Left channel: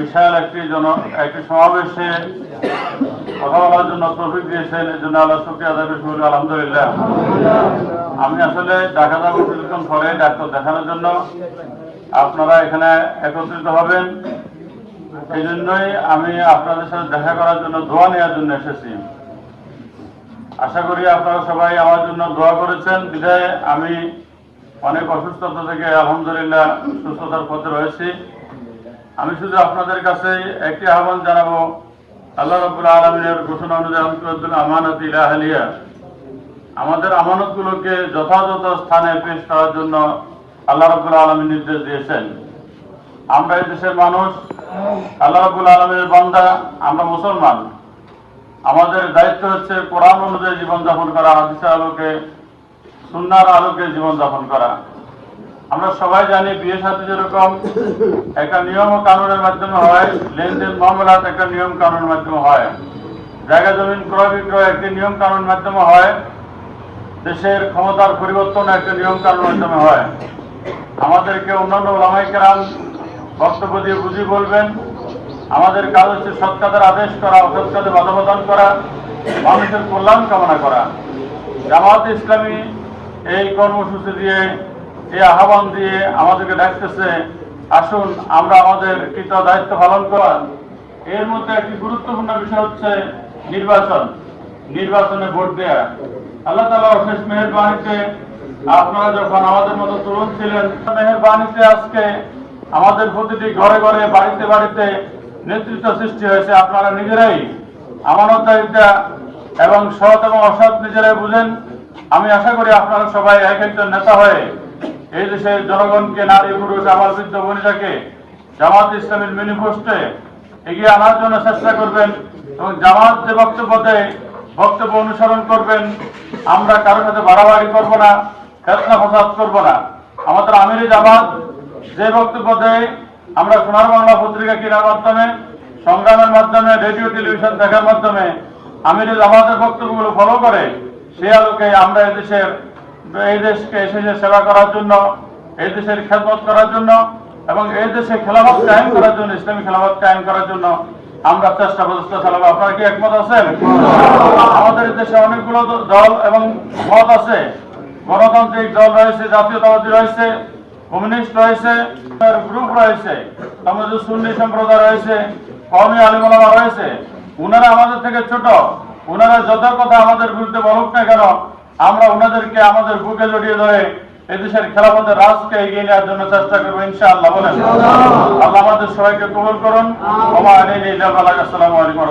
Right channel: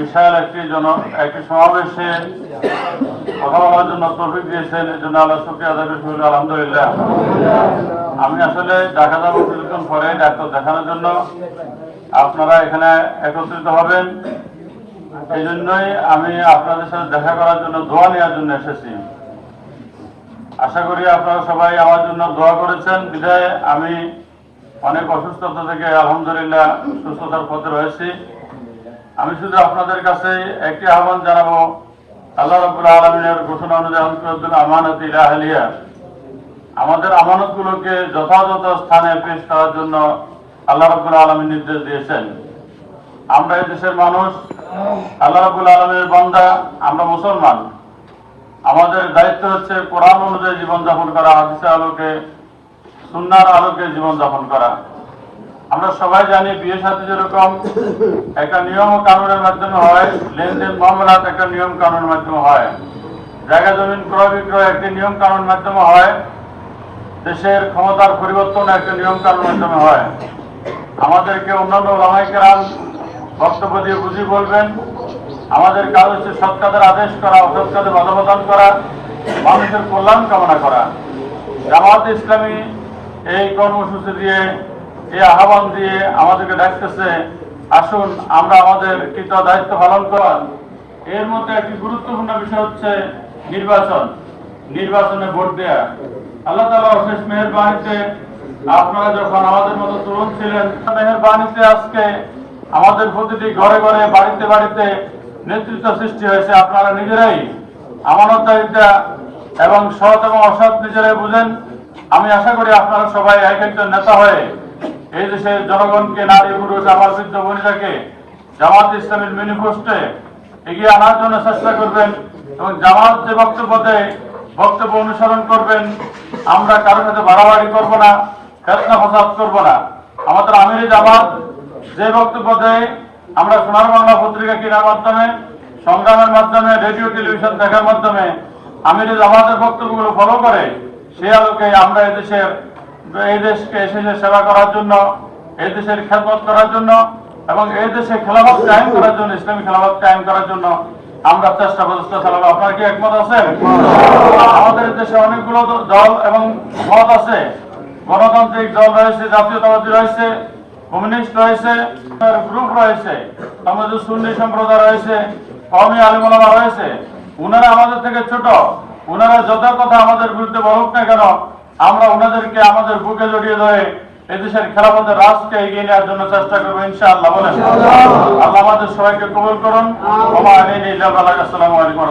বিশাল একটি জন একটি সমাবেশে কথা বলার জন্য তৌফিক দিয়েছেন। এর জন্য আল্লাহ শুক্রিয়া আদায় করি আলহামদুলিল্লাহ। আমি আসলে দেখা যাব কিছুক্ষণ পরে ডাক্তার দেখানোর জন্য। আপনারা এখানে একত্রিত হবেন। এই জন্যই আমি আপনাদের সাথে দেখা করার জন্য দোয়া নেওয়ার জন্য এসেছি। আশা করি আপনারা সবাই আমার জন্য দোয়া করেছেন। বিদায় আমি অনেক অসুস্থতা থেকে আলহামদুলিল্লাহ সুস্থতার পথে রয়েছি। আমি শুধু আপনাদের কাছে একটি আহ্বান জানাব, আল্লাহ রবুল আলমিনের ঘোষণা অনুযায়ী আমানত ইলাহালিয়া আমাদের আমানতগুলোকে যথাযথ স্থানে পেশ করার জন্য আল্লাহ রবুল আলমী নির্দেশ দিয়েছেন। আমরা এই দেশের মানুষ, আল্লাহ রবুল আলমের বান্দা, আমরা মুসলমান। আমাদের দায়িত্ব হচ্ছে কোরআন অনুযায়ী জীবনযাপন করা, হাদিসের আলোকে, সুন্নার আলোকে জীবনযাপন করা। আমরা সবাই জানি বিয়ে সাথে যেরকম একটা নিয়ম কানুনের মাধ্যমে হয়, লেনদেন মামলাত একটা নিয়ম কানুনের মাধ্যমে হয়। জায়গা জমিন ক্রয় বিক্রয় একটি নিয়ম কানুনের মাধ্যমে হয়। দেশের ক্ষমতার পরিবর্তন একটা নিয়ম কানুনের মাধ্যমে হয়। আমাদেরকে অন্যান্য ওলামাইকেরাম বক্তব্য দিয়ে বুঝিয়ে বলবেন, আমাদের কাজ হচ্ছে সৎ কাজের আদেশ করা, অসৎ কাজে করা, মানুষের কল্যাণ কামনা করা। জামাত ইসলামী এই কর্মসূচি দিয়ে এই আহ্বান দিয়ে আমাদেরকে ডাকতেছে, আসুন আমরা আমাদের কৃত দায়িত্ব পালন করা এর মধ্যে একটি গুরুত্বপূর্ণ বিষয় হচ্ছে নির্বাচন, নির্বাচনে ভোট দেয়া। আল্লাহ তালা অশেষ মেহরবানিতে আপনারা যখন আমাদের মতো তরুণ ছিলেন, মেহরবানিতে আজকে আমাদের প্রতিটি ঘরে ঘরে, বাড়িতে বাড়িতে নেতৃত্ব সৃষ্টি হয়েছে। আপনারা নিজেরাই আমানতদারিতা এবং সৎ এবং অসৎ নিজেরাই বুঝেন। আমি আশা করি আপনারা সবাই এক একজন নেতা হয়ে এই দেশের জনগণকে নারী, পুরুষ বৃদ্ধ বনিতাকে জামাত ইসলামের ম্যানিফেস্টোে এগিয়ে আনার জন্য চেষ্টা করবেন এবং জামাত যে বক্তব্য দেয়, বক্তব্য অনুসরণ করবেন। আমরা কারোর সাথে বাড়াবাড়ি করব না ফেসলা ফসাদ করব না। আমাদের আমিরি জামাত যে বক্তব্য দেয়, আমরা সোনার বাংলা পত্রিকা কেনার মাধ্যমে, সংগ্রামের মাধ্যমে, রেডিও, টেলিভিশন দেখার মাধ্যমে আমিরি জামাতের বক্তব্যগুলো ফলো করে সে আলোকে আমরা এই দেশের এই দেশকে এসেছে সেবা করার জন্য, এই দেশের খেদমত করার জন্য এবং এই দেশে খেলাফত কায়েম করার জন্য, ইসলামী খেলাফত কায়েম করার জন্য আমরা চেষ্টা প্রচেষ্টা চালাবো আপনার কি একমত আছেন? আমাদের দেশে অনেকগুলো দল এবং মত আছে। গণতান্ত্রিক দল রয়েছে, জাতীয়তাবাদী রয়েছে, কমিউনিস্ট রয়েছে, গ্রুপ রয়েছে আমাদের সুন্নি সম্প্রদায় রয়েছে কমি আলিমুলামা রয়েছে। উনারা আমাদের থেকে ছোট। উনারা যত কথা আমাদের বিরুদ্ধে বলুক না কেন আমরা ওনাদেরকে আমাদের বুকে জড়িয়ে ধরে এদেশের খেলাফতের রাজকে এগিয়ে নেওয়ার জন্য চেষ্টা করব ইনশাআল্লাহ। বলেন। আল্লাহ আমাদের সবাইকে কবুল করুন। আমার আসসালামু আলাইকুম